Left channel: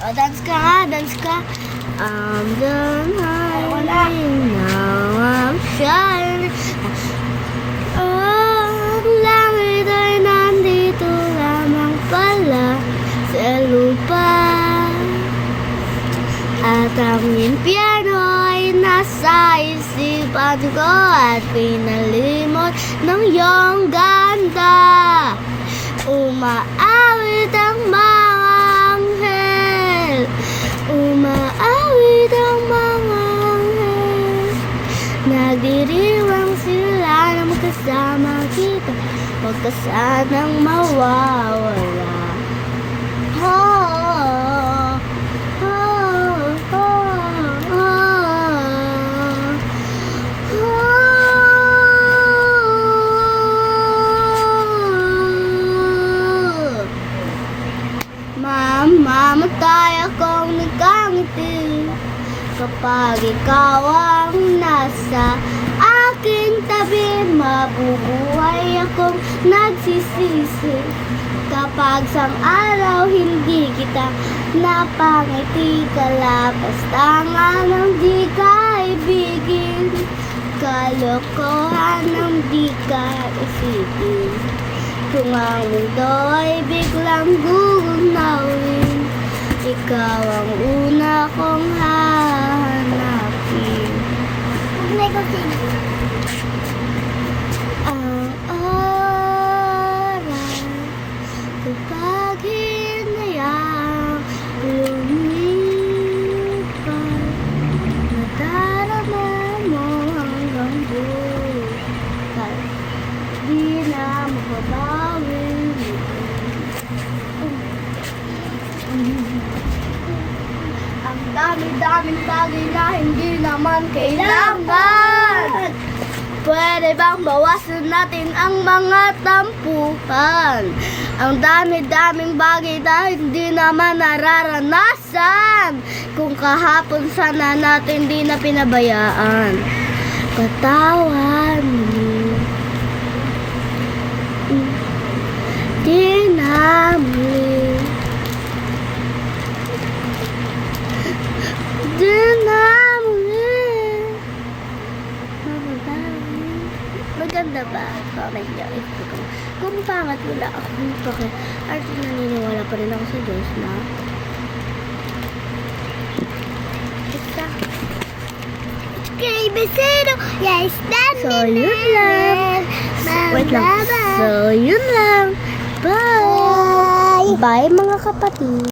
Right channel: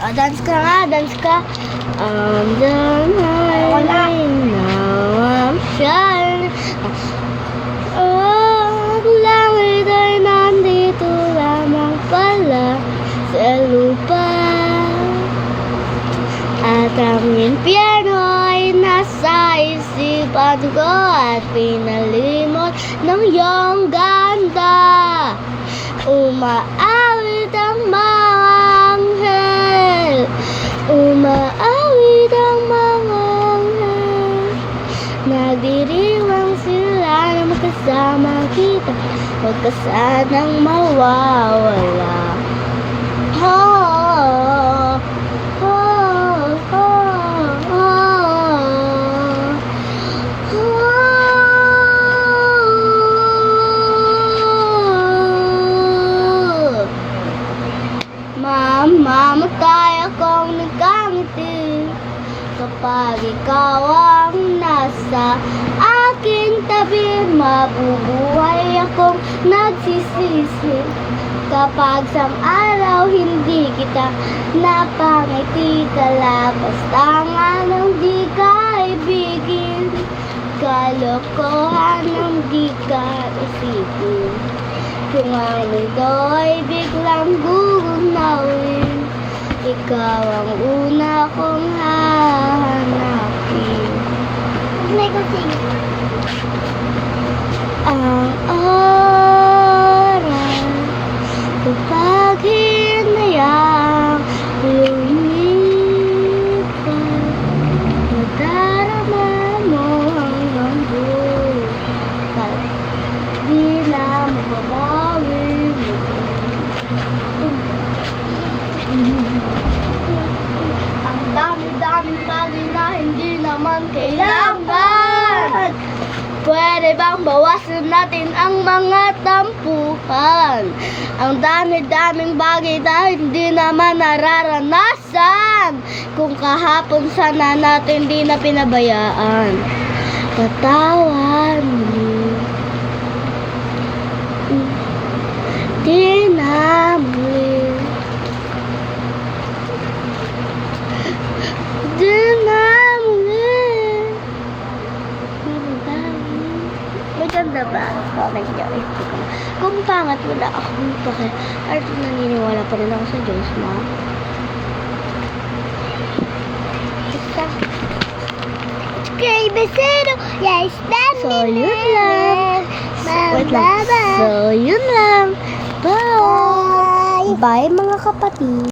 O, dance ka nga, dance ka. I'm done hiding, now I'm shining. Oh, langit ay nandito lamang pala sa lupa. At ang piano ay nasa isipan ko at pinalimot ng iyong ganda. Umaawit ang mga anghel, umaawit ang mga anghel. Nagdiriwang sila na magkasama kita, huwag ka sanang mawawala. Mamatay akong nagkangiti kapag ikaw ang nasa aking tabi. Mabubuhay akong nagsisisi kapag sang araw hindi kita napangiti. Kalapastangan ng di kaibigin, kalokohan ng di ka isipin. Kung ano do'y biglang gugunawin, ikaw ang una kong hahanapin. Ang oras kapag hinayang lumipas, nadarama mo hanggang bukas, di na mababawi. Ang dami-daming bagay na hindi naman kailangan. Pwede bang bawasan natin ang mga tampuhan? Ang dami-daming bagay na hindi naman nararanasan. Kung kahapon sana natin di na pinabayaan. Katawan mo, di na muli, di na muli mababawi. Maganda ba? Comment nyo. Kung pangat, wala akong pake. At naniniwala pa rin ako sa Diyos na basta. Okay, besero. Yes, that's so yun lang. Wait lang. So yun lang. Bye! Bye mga kapatid!